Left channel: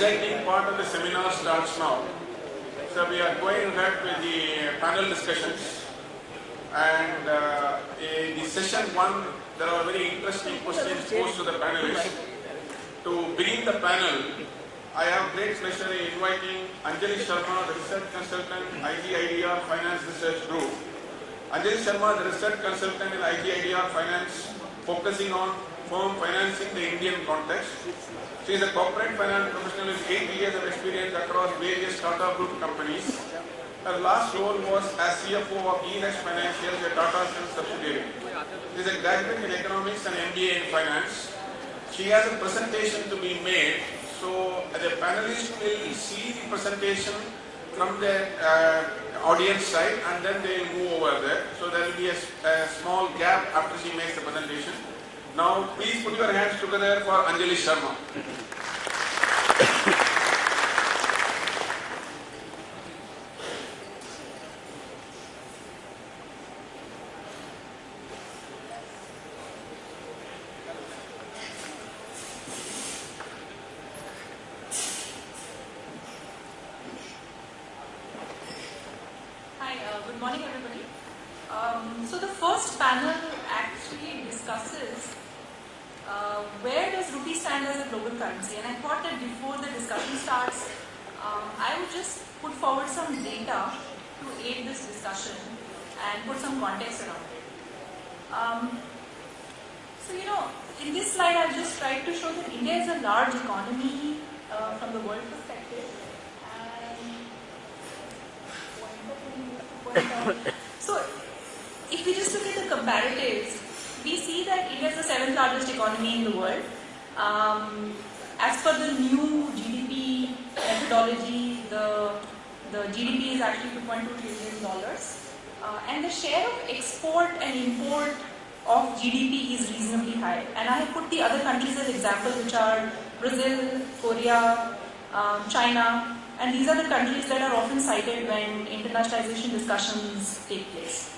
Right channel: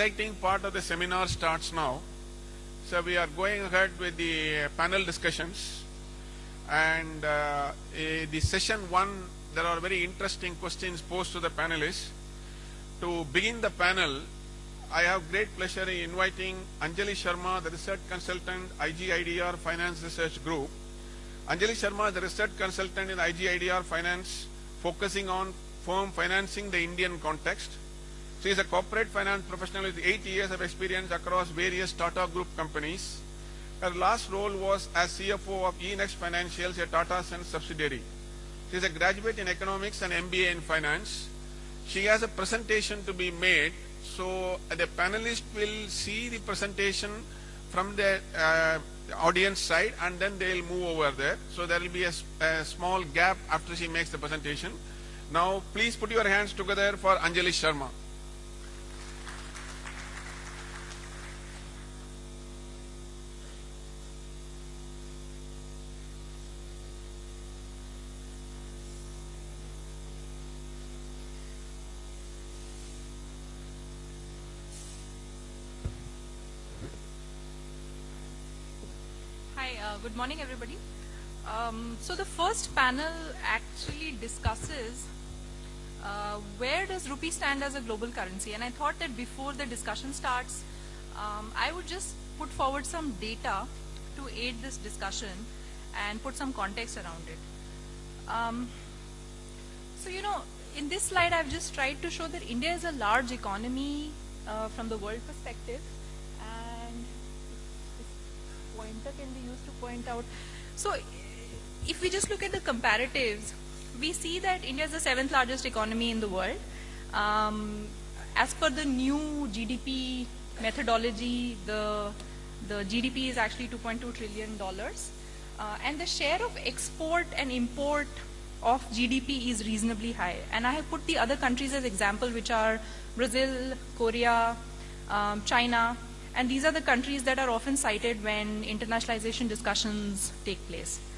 exciting part of the seminar starts now. So we are going ahead with the panel discussions, and in the session 1 there are very interesting questions posed to the panelists. To begin the panel, I have great pleasure in inviting Anjali Sharma, the research consultant, IG IDEA Finance Research Group. Anjali Sharma, the research consultant in IG IDEA Finance, focusing on firm financing the Indian context. She is a corporate finance professional with 8 years of experience across various Tata Group companies. Her last role was as CFO of eNext Financials, a Tata Sons subsidiary. She is a graduate in economics and MBA in finance. She has a presentation to be made, so the panelists will see the presentation from the audience side, and then they will move over there. So there will be a small gap after she makes the presentation. Now please put your hands together for Anjali Sharma. Good morning, everybody. So the first panel actually discusses where does rupee stand as a global currency, and I thought that before the discussion starts, I would just put forward some data to aid this discussion and put some context around it. So in this slide I've just tried to show that India is a large economy from the world perspective. So, if we just look at the comparatives, we see that India is the 7th largest economy in the world. As per the new GDP methodology, the GDP is actually $2.2 trillion. And the share of export and import of GDP is reasonably high. And I have put the other countries as example, which are Brazil, Korea, China. And these are the countries that are often cited when internationalization discussions take place.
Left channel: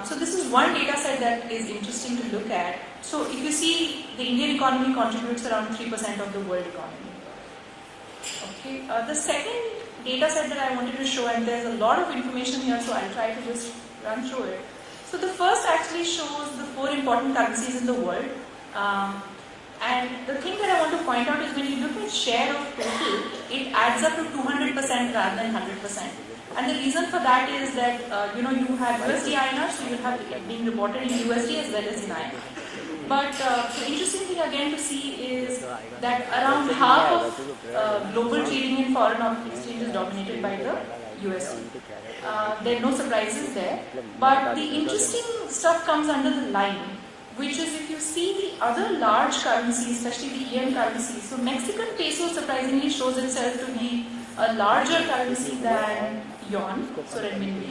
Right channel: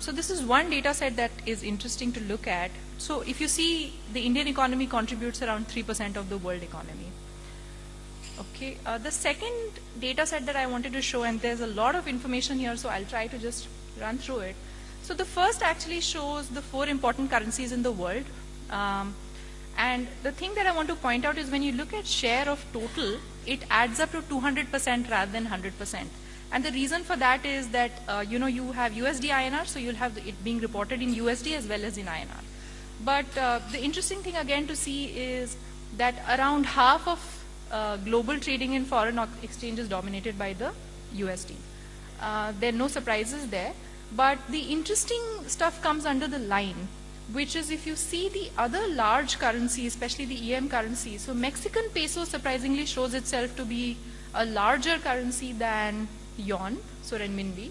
So this is one data set that is interesting to look at. So if you see, the Indian economy contributes around 3% of the world economy. Okay. The second data set that I wanted to show, and there's a lot of information here, so I'll try to just run through it. So the first actually shows the 4 important currencies in the world. And the thing that I want to point out is when you look at share of total, it adds up to 200% rather than 100%. And the reason for that is that you have USD INR, so you have it being reported in USD as well as in INR. But the interesting thing again to see is that around half of global trading in foreign exchange is dominated by the USD. There are no surprises there. But the interesting stuff comes under the line, which is if you see the other large currencies, especially the EM currencies. So Mexican peso surprisingly shows itself to be a larger currency than yuan, so renminbi.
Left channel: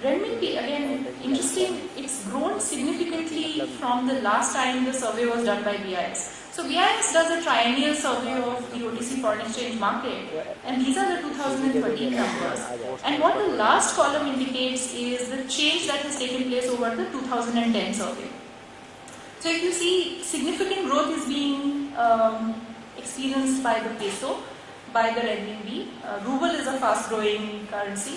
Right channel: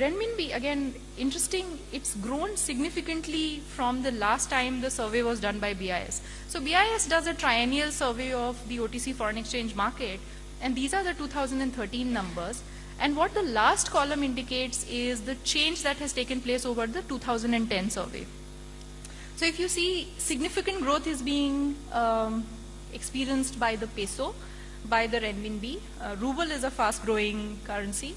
Renminbi, again, interesting, it's grown significantly from the last time the survey was done by BIS. So BIS does a triennial survey of the OTC foreign exchange market, and these are the 2013 numbers. And what the last column indicates is the change that has taken place over the 2010 survey. So if you see, significant growth is being experienced by the peso, by the renminbi. Ruble is a fast-growing currency.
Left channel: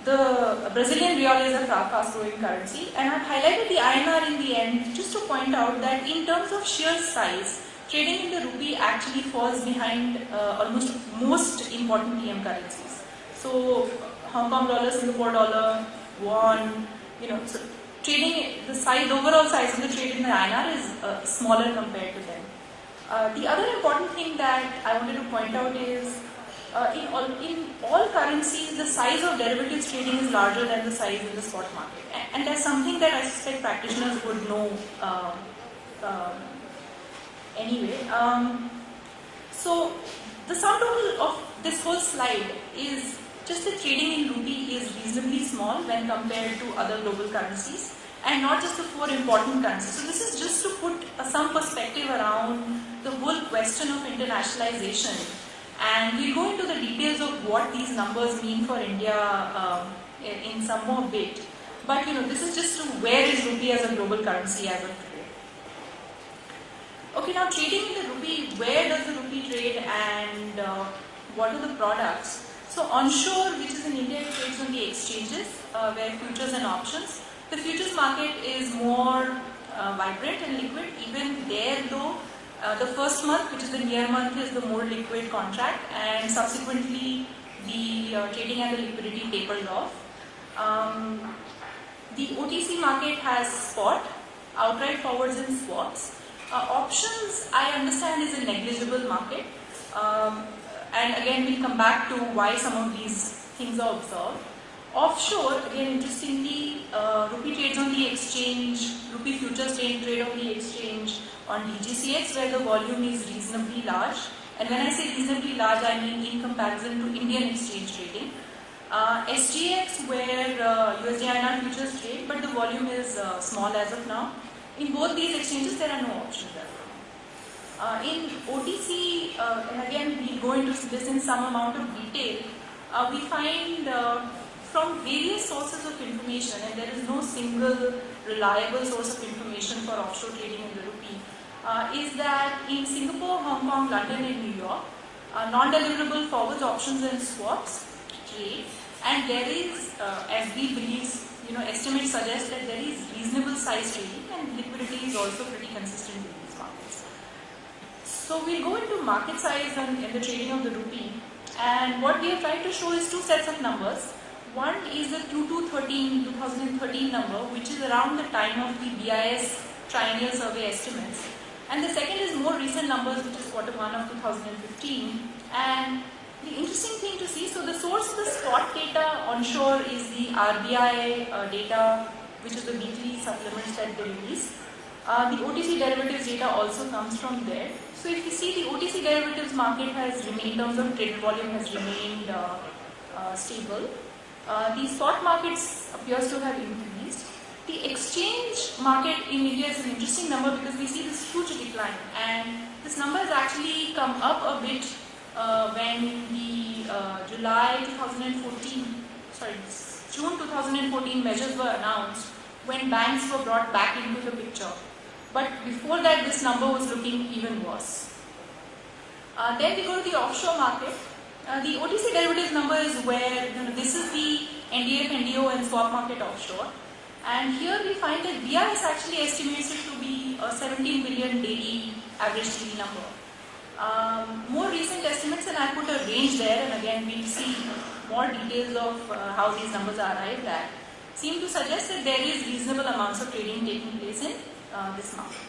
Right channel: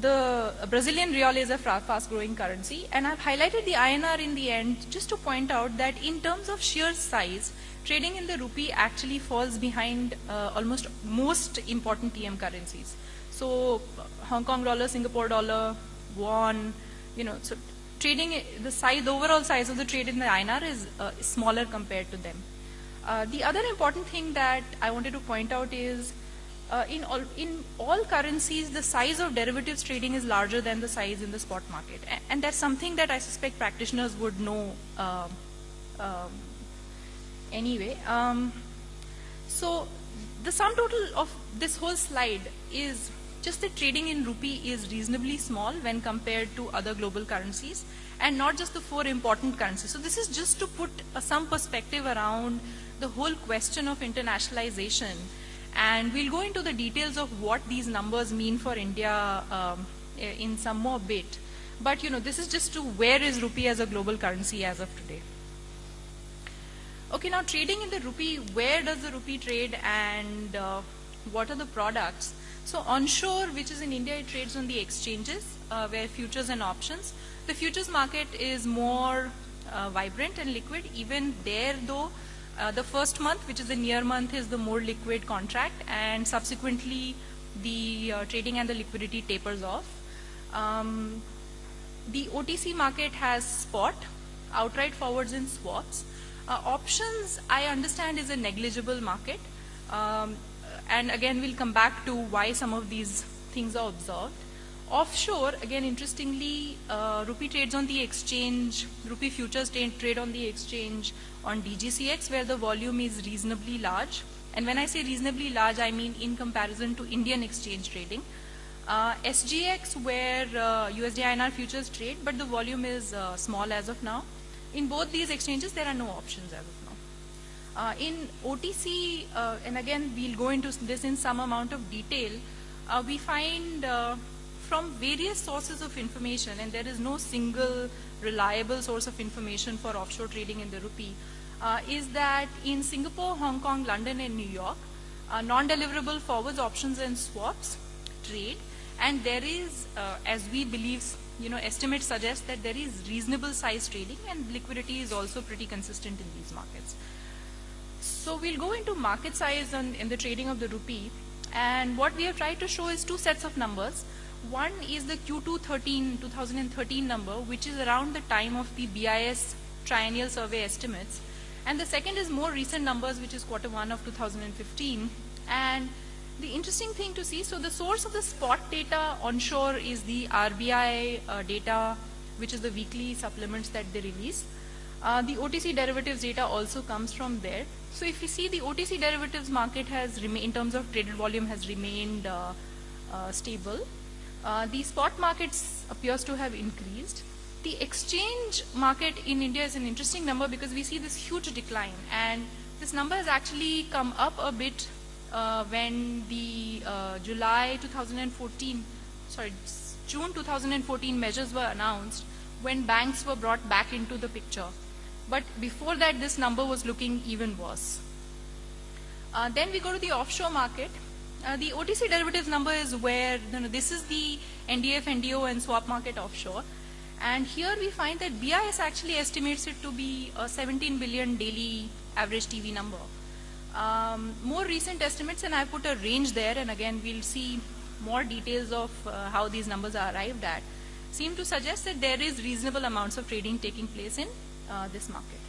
The Brazilian real is a fast-growing currency. And I've highlighted the INR in the end just to point out that in terms of sheer size, trading in the rupee actually falls behind almost most important EM currencies. So Hong Kong dollar, Singapore dollar, won, so trading, the size, overall size of the trade in the INR is smaller compared to them. The other important thing that I wanted to point out is in all currencies, the size of derivatives trading is larger than the size of the spot market. And that's something that I suspect practitioners would know anyway. So the sum total of this first slide is just that trading in rupee is reasonably small when compared to other global currencies, and not just the 4 important currencies. So this is just to put some perspective around the whole question of internationalization. And we'll go into the details of what these numbers mean for India in some more bit. But this is just to where is rupee as a global currency as of today. Okay, now trading in the rupee, where does the rupee trade and what are the products? So onshore, which is in India, it trades on the exchanges where futures and options. The futures market is more vibrant and liquid. Even there though, the first month, which is the near month, is the more liquid contract, and subsequently the trading and the liquidity tapers off. The OTC market has spot, outright forwards and swaps. Options, I understand, is a negligible market. And again, we'll come back to why some of these things are observed. Offshore, again, interestingly, rupee trades on the exchange, rupee futures trade on the exchange on DGCX, where the volume is reasonably large. And when I say reasonably large, I mean in comparison to Indian exchange trading. SGX, where USD INR futures trade, but the volume is small as of now. In both these exchanges, there are no options as of now. In OTC, and again, we'll go into this in some amount of detail, we find from various sources of information, and there is no single reliable source of information for offshore trading in the rupee, is that in Singapore, Hong Kong, London, and New York, non-deliverable forwards, options, and swaps trade. And there is, as we believe, estimates suggest that there is reasonable size trading and liquidity is also pretty consistent with these markets. So we'll go into market size in the trading of the rupee. And what we have tried to show is two sets of numbers. One is the Q2 2013 number, which is around the time of the BIS triennial survey estimates. And the second is more recent numbers, which is Q1 of 2015. And the interesting thing to see, so the source of the spot data onshore is the RBI data, which is the weekly supplements that they release. The OTC derivatives data also comes from there. So if you see, the OTC derivatives market has remained, in terms of traded volume, has remained stable. The spot markets appears to have increased. The exchange market in India is an interesting number because we see this huge decline, and this number has actually come up a bit when the June 2014 measures were announced, when banks were brought back into the picture. But before that, this number was looking even worse. Then we go to the offshore market. The OTC derivatives number is where, this is the NDF, NDO and swap market offshore. And here we find that BIS actually estimates it to be a 17 billion daily average TV number. More recent estimates, and I'll put a range there, and again we'll see more details of how these numbers are arrived at, seem to suggest that there is reasonable amounts of trading taking place in this market.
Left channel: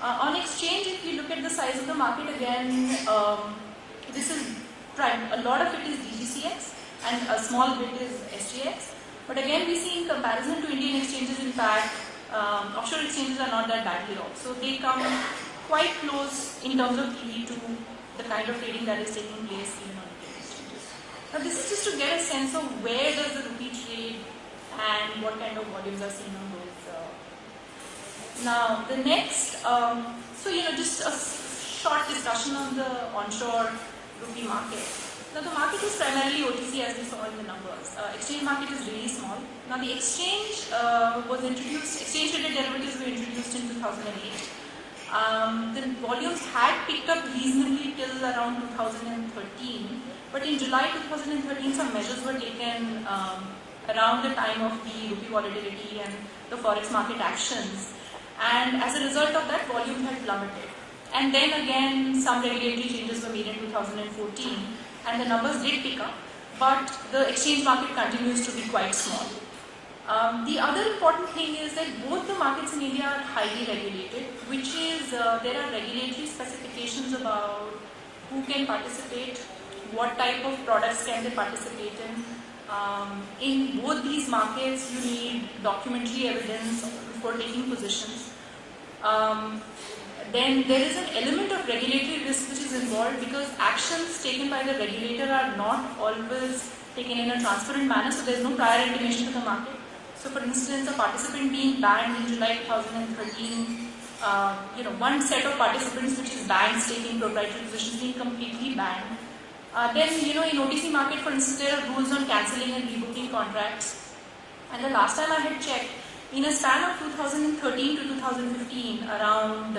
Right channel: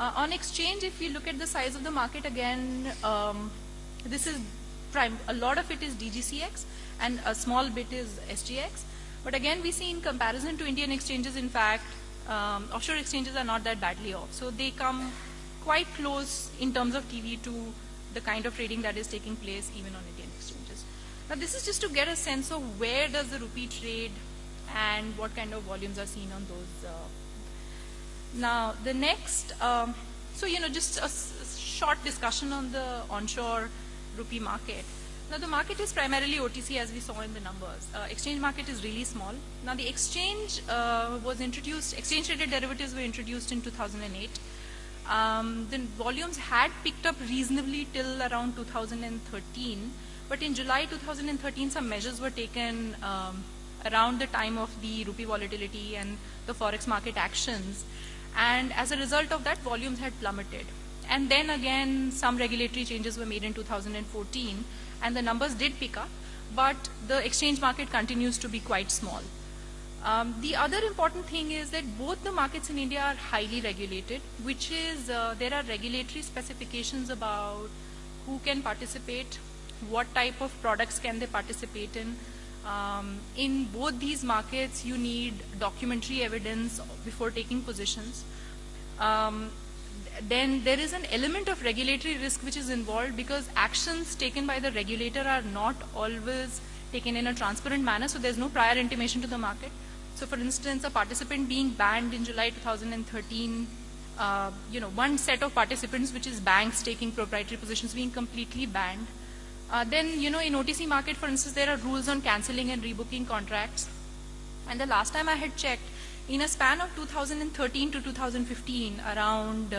On exchange, if you look at the size of the market again, this is a lot of it is DGCX and a small bit is SGX. But again, we see in comparison to Indian exchanges, in fact, offshore exchanges are not that badly off. So they come quite close in terms of TD to the kind of trading that is taking place even on Indian exchanges. Now this is just to get a sense of where does the rupee trade and what kind of volumes are seen on those. Now the next, just a short discussion on the onshore rupee market. Now the market is primarily OTC, as we saw in the numbers. Exchange market is really small. Now the exchange exchange-traded derivatives were introduced in 2008. The volumes had picked up reasonably till around 2013, but in July 2013 some measures were taken around the time of the rupee volatility and the forex market actions, and as a result of that, volume had plummeted. And then again some regulatory changes were made in 2014 and the numbers did pick up, but the exchange market continues to be quite small. The other important thing is that both the markets in India are highly regulated, which is there are regulatory specifications about who can participate, what type of products can they participate in. In both these markets, you need documentary evidence before taking positions. Then there is an element of regulatory risk which is involved because actions taken by the regulator are not always taken in a transparent manner, so there is no prior intimation to the market. So for instance, a participant being banned in July 2013, one set of participants which is banks taking proprietary positions being completely banned. Then, in OTC market, for instance, there are rules on cancelling and rebooking contracts. And the last time I had checked, in a span of 2013 to 2015, around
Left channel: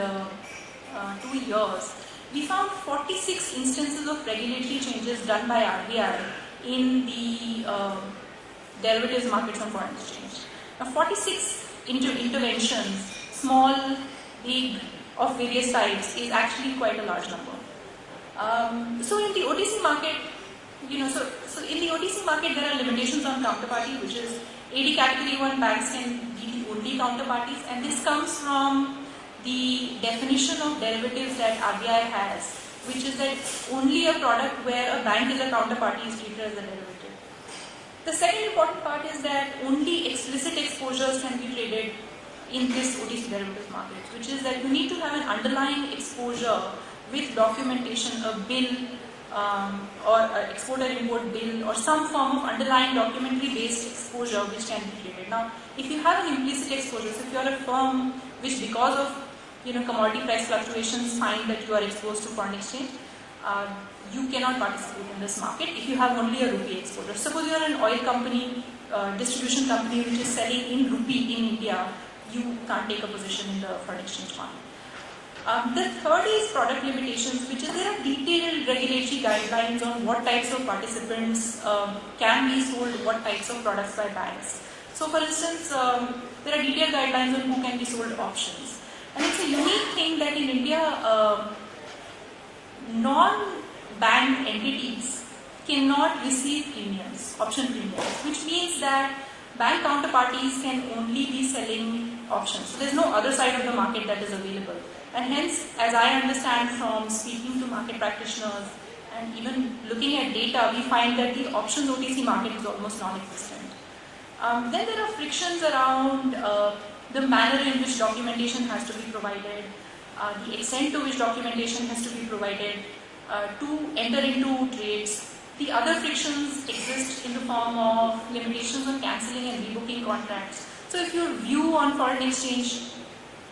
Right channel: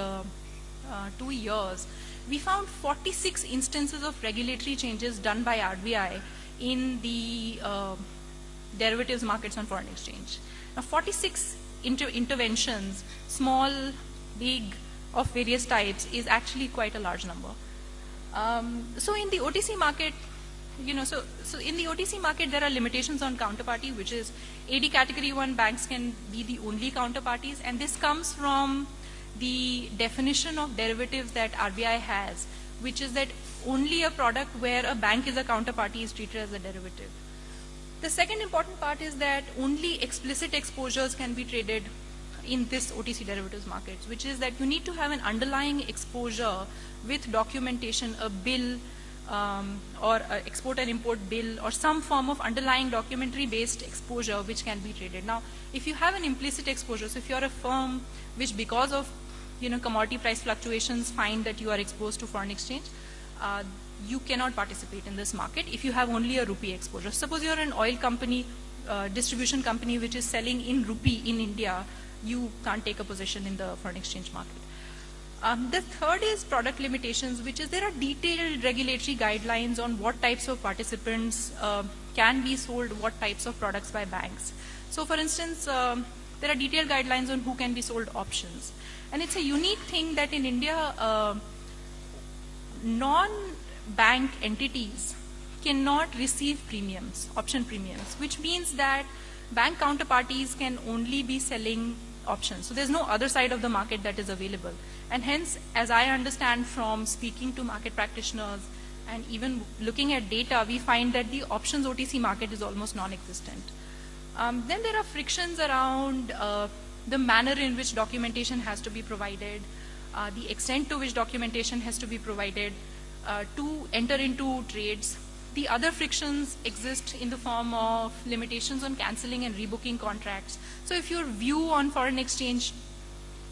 years, we found 46 instances of regulatory changes done by RBI in the derivatives markets on foreign exchange. Now, 46 interventions, small, big, of various types, is actually quite a large number. So in the OTC market, so in the OTC market there are limitations on counterparty, which is AD category 1 banks can be the only counterparties, and this comes from the definition of derivatives that RBI has, which is that only a product where a bank is a counterparty is treated as a derivative. The second important part is that only explicit exposures can be traded in this OTC derivatives market, which is that you need to have an underlying exposure with documentation, a bill, or an export and import bill, or some form of underlying documentary based exposure which can be traded. Now, if you have an implicit exposure, so if you are a firm which because of commodity price fluctuations find that you are exposed to foreign exchange, you cannot participate in this market if you have only a rupee exposure. Suppose you are an oil company, distribution company which is selling in rupee in India, you can't take a position in the foreign exchange market. The third is product limitations, which is there are detailed regulatory guidelines on what types of participants can be sold, what types of products by banks. So for instance, there are detailed guidelines on who can be sold options. And it's a unique thing that in India, non-bank entities cannot receive premiums, option premiums, which means that bank counterparties can only be selling options. So there's no other side of the market that is available. And hence, as I understand from speaking to market practitioners and even looking at data, we find that the options OTC market is almost non-existent. Then there are frictions around the manner in which documentation has to be provided, the extent to which documentation has to be provided to enter into trades. The other frictions exist in the form of limitations on cancelling and rebooking contracts. So if your view on foreign exchange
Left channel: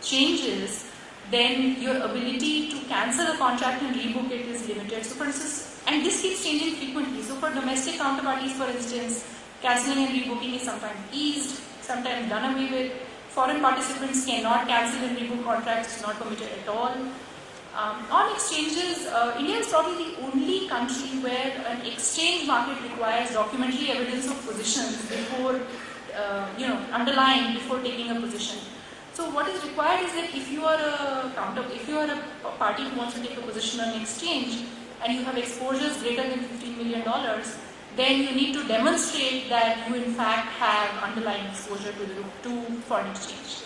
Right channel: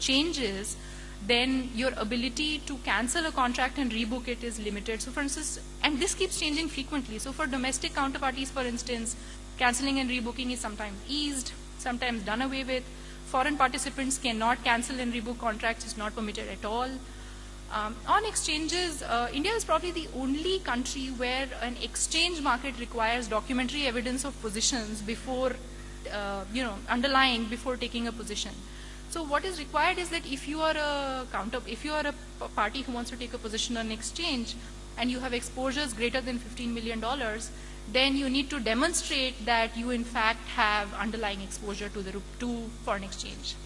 changes, then your ability to cancel a contract and rebook it is limited. So for instance, and this keeps changing frequently. So for domestic counterparties, for instance, cancelling and rebooking is sometimes eased, sometimes done away with. Foreign participants cannot cancel and rebook contracts, it's not permitted at all. On exchanges, India is probably the only country where an exchange market requires documentary evidence of positions before, underlying before taking a position. So what is required is that if you are a party who wants to take a position on exchange and you have exposures greater than $15 million, then you need to demonstrate that you in fact have underlying exposure to foreign exchange.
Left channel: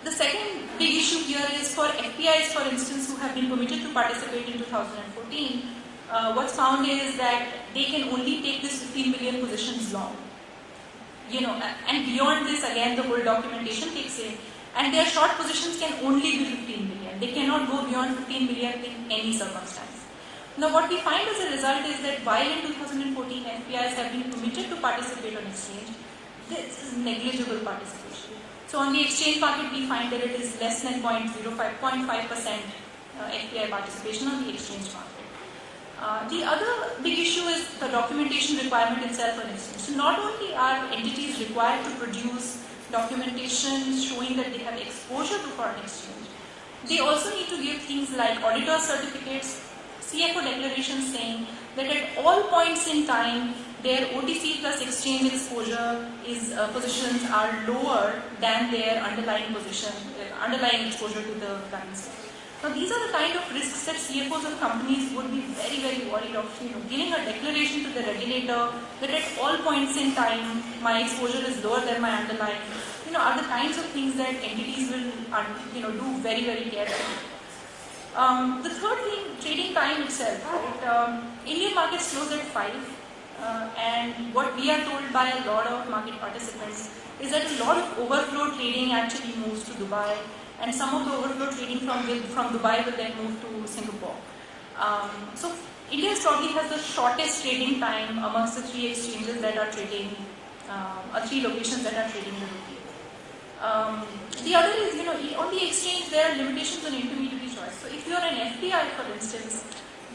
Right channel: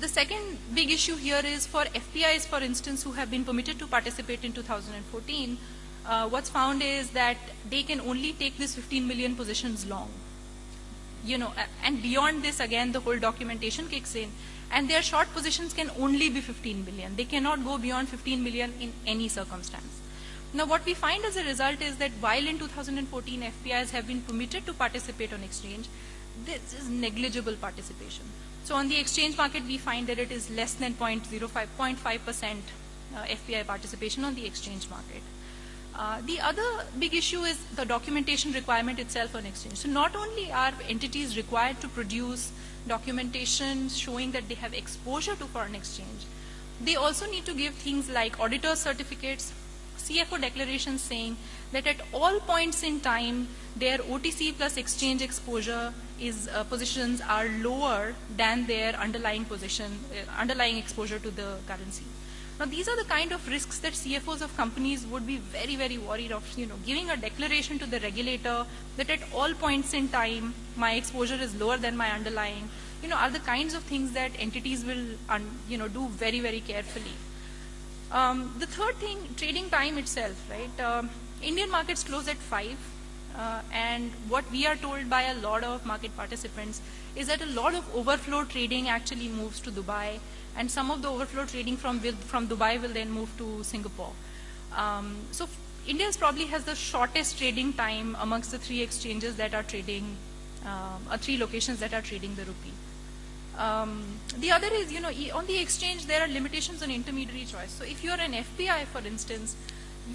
The second big issue here is for FPIs, for instance, who have been permitted to participate in 2014. What's found is that they can only take this 15 million positions long. And beyond this, again, the whole documentation kicks in. And their short positions can only be 15 million. They cannot go beyond 15 million in any circumstance. Now, what we find as a result is that while in 2014 FPIs have been permitted to participate on exchange, this is negligible participation. So on the exchange market, we find that it is less than 0.5% FPI participation on the exchange market. The other big issue is the documentation requirement itself on exchange. So not only are entities required to produce documentation showing that they have exposure to foreign exchange, they also need to give things like auditor certificates, CFO declarations saying that at all points in time, their OTC plus exchange exposure positions are lower than their underlying exposure to the currency. Now, these are the kind of risks that CFOs of companies would be very, very worried of. Giving a declaration to the regulator that at all points in time, my exposure is lower than my underlying, are the kinds of things that entities will, do very, very carefully. The third thing, trading time itself, right? Indian markets close at 5, and what we are told by a lot of market participants is that a lot of overflow trading actually moves to Dubai, and some of the overflow trading from Dubai will then move to Singapore. So India probably has the shortest trading time amongst the 3 exchanges that are trading, 3 locations that are trading in rupee. The other is, on the exchange there are limitations on intermediary choice. So if you are an FPI, for instance,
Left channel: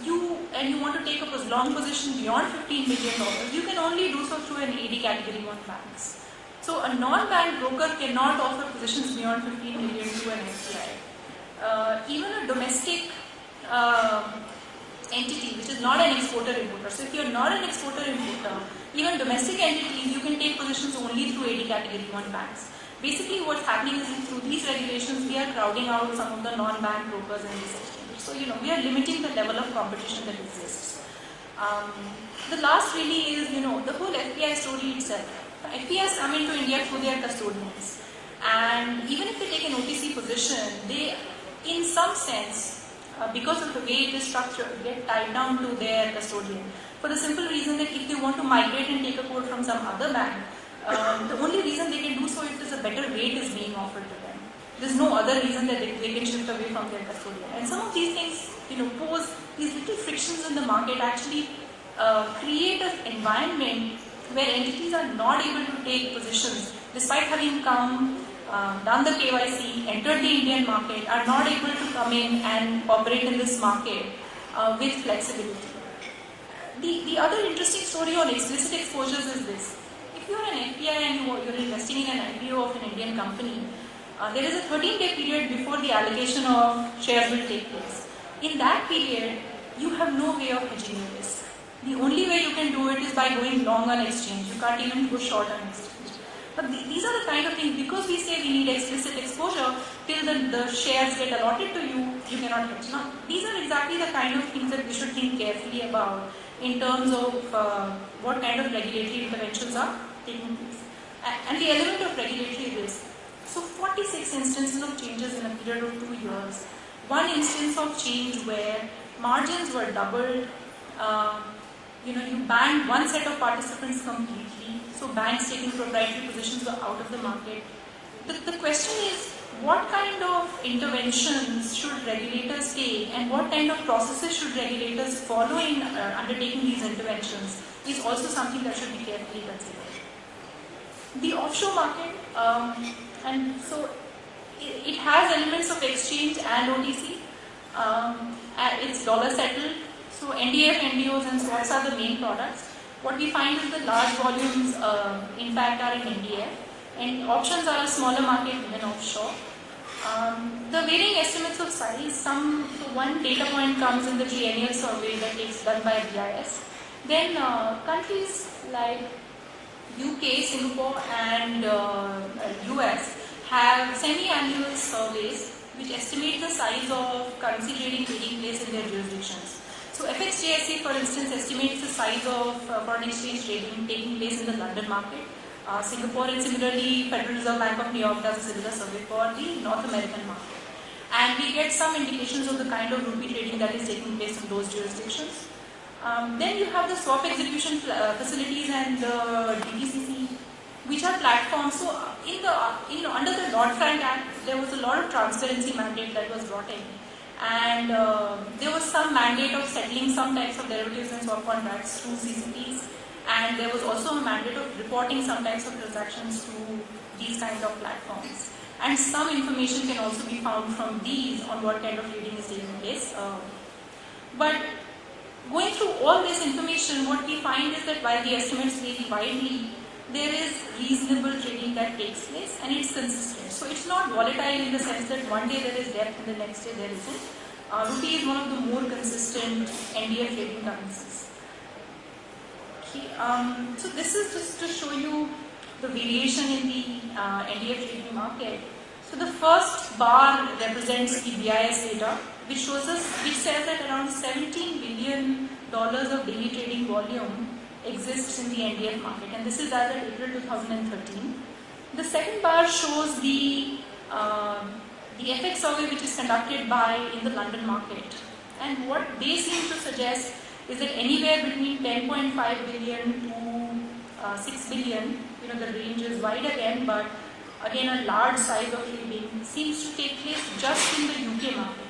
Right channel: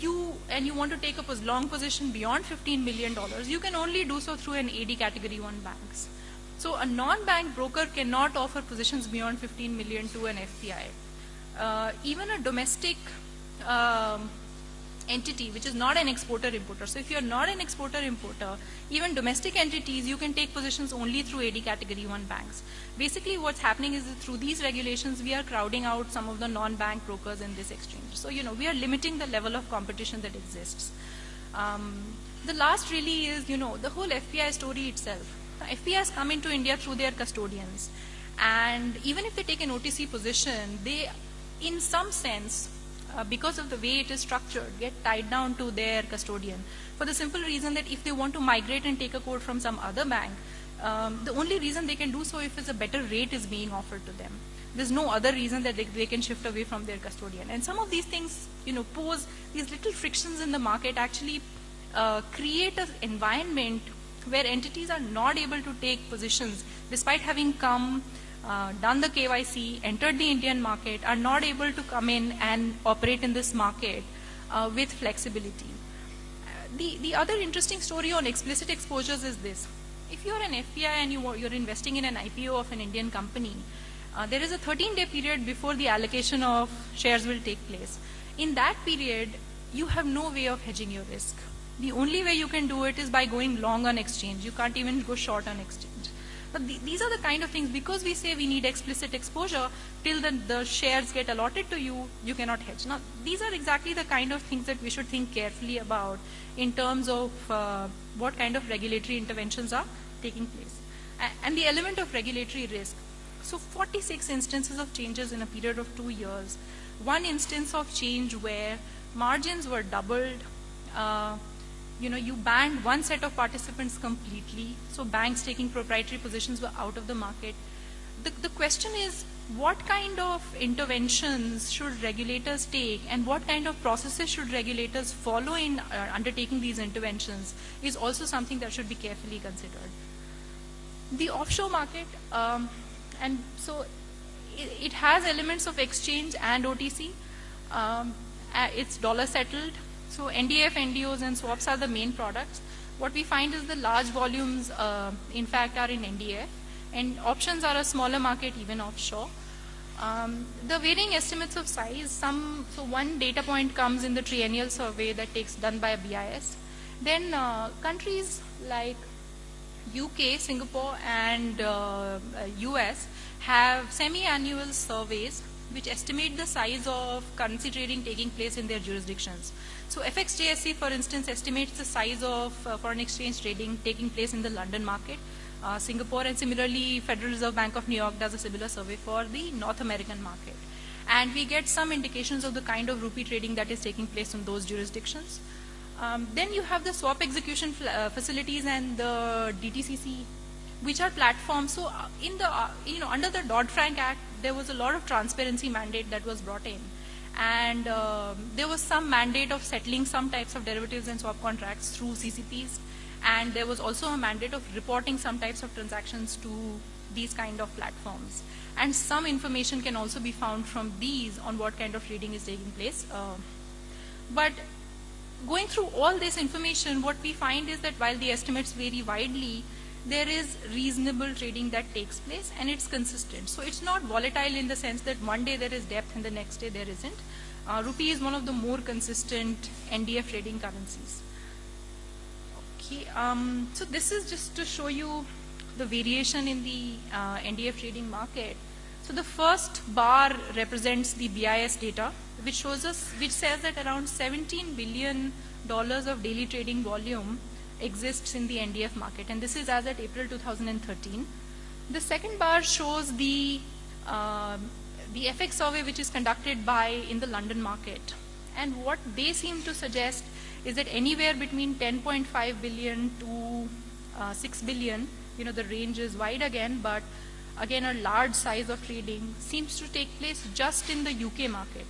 you want to take up a long position beyond $15 million, you can only do so through an AD category 1 banks. So a non-bank broker cannot offer positions beyond 15 million to an FPI. Even a domestic entity which is not an exporter-importer. So if you're not an exporter-importer, even domestic entities, you can take positions only through 80 category 1 banks. Basically what's happening is through these regulations, we are crowding out some of the non-bank brokers in these exchanges. So, we are limiting the level of competition that exists. The last really is, the whole FPI story itself. FPIs come into India through their custodians. And even if they take an OTC position, they, in some sense, because of the way it is structured, get tied down to their custodian. For the simple reason that if you want to migrate and take a quote from some other bank, the only reason they can do so if a better rate is being offered to them. There's no other reason that they can shift away from their custodian. And some of these things, pose these little frictions in the market, actually create an environment where entities are not able to take positions despite having come, done the KYC, entered the Indian market, are not able to come in and operate in this market with flexibility. The other interesting story on explicit exposures is this. If you're an FPI and you're investing in an IPO of an Indian company, there is a 13-day period before the allocation of shares will take place. In that period, you have no way of hedging your risk. The only way you can do it is by going long on exchange. You can't even go short on exchange. But these are the kind of things, because we say we need explicit exposure, till the shares get allotted to you, you cannot hedge. Now, these are exactly the kind of things that we should think carefully about in terms of what kind of regulatory interventions are taking place. And the element of regulatory risk. So 46 instances of changes in a period of 2 years. One instance of change where margins were doubled. You banned one set of participants completely. So banks taking proprietary positions were out of the market. The question is, what kind of interventions should regulators take and what kind of processes should regulators follow in undertaking these interventions is also something that should be carefully considered. The offshore market, and so it has elements of exchange and OTC. It's dollar settled. So NDF, NDOs and swaps are the main products. What we find is the large volumes, in fact, are in NDF. And options are a smaller market even offshore. The varying estimates of size, so one data point comes in the triennial survey that is done by BIS. Then countries like UK, Singapore and US have semi-annual surveys which estimate the size of currency trading taking place in their jurisdictions. So FXJSE, for instance, estimates the size of foreign exchange trading taking place in the London market. Singapore, and similarly Federal Reserve Bank of New York does a similar survey for the North American market. And we get some indications of the kind of rupee trading that is taking place in those jurisdictions. Then you have the swap execution facilities and the DTCC, which are platforms. So under the Dodd-Frank Act, there was a lot of transparency mandate that was brought in. And there was some mandate of settling some types of derivatives and swap contracts through CCPs. And there was also a mandate of reporting some types of transactions to these kinds of platforms. And some information can also be found from these on what kind of trading is taking place. But going through all this information, what we find is that while the estimates vary widely, there is reasonable trading that takes place and it's consistent. So it's not volatile in the sense that one day there is depth and the next day there isn't. Rupee is one of the more consistent NDF trading currencies. Okay, so this is just to show you the variation in the NDF trading market. So the first bar represents the BIS data, which says that around $17 billion of daily trading volume exists in the NDF market, and this is as of April 2013. The second bar shows the FX survey which is conducted in the London market, and what they seem to suggest is that anywhere between 10.5 billion to 6 billion, the range is wide again, but again a large size of trading seems to take place just in the UK market.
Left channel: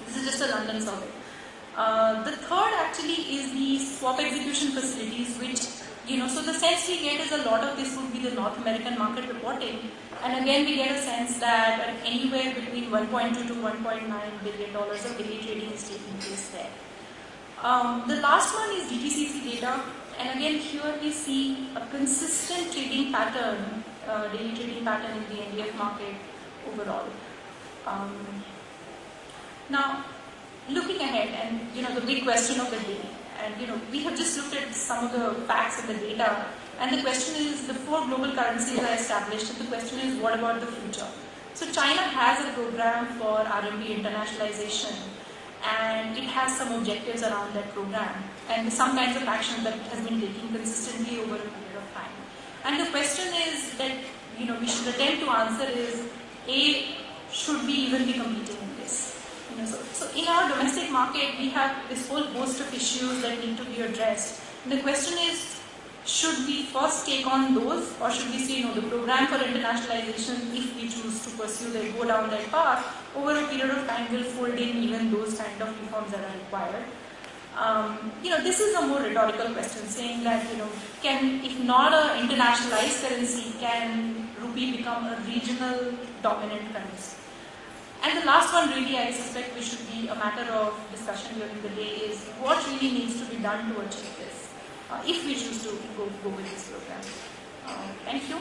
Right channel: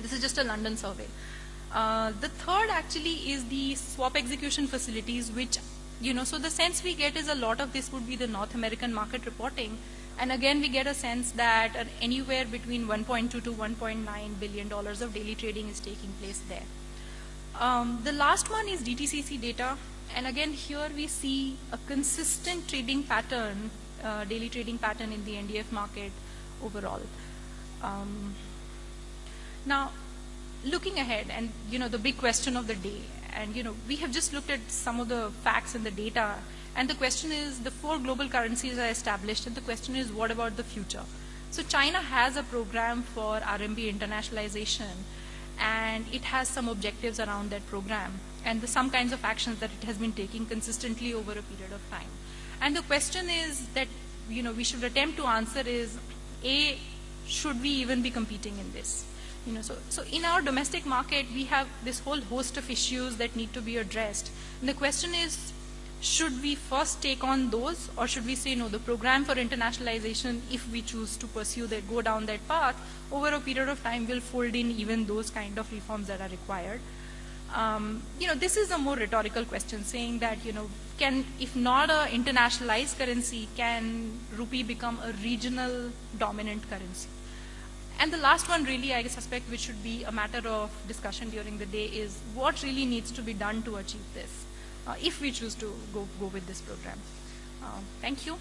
This is just a London survey. The third actually is the swap execution facilities, which, so the sense we get is a lot of this would be the North American market reporting. And again, we get a sense that anywhere between $1.2 to $1.9 billion of daily trading is taking place there. The last one is DTCC data. And again, here we see a consistent trading pattern, daily trading pattern in the NDF market overall. question of the day. And we have just looked at some of the facts and the data. And the question is, the 4 global currencies are established, and the question is, what about the future? So China has a program for RMB internationalization, and it has some objectives around that program, and some kinds of action that it has been taking consistently over a period of time. And the question is that we should attempt to answer is, A, should we even be competing in this? So in our domestic market, we have this whole host of issues that need to be addressed. And the question is, should we first take on those, or should we say, no, the program for internationalization, if we choose to pursue that, go down that path, over a period of time will fold in even those kind of reforms that are required. This is a more rhetorical question, saying that, if not an internationalized currency, can rupee become a regional dominant currency? And the last one really, I suspect, which should be a matter of discussion during the day, is what really needs to be done to achieve this, if we choose to go with this program. Thank you.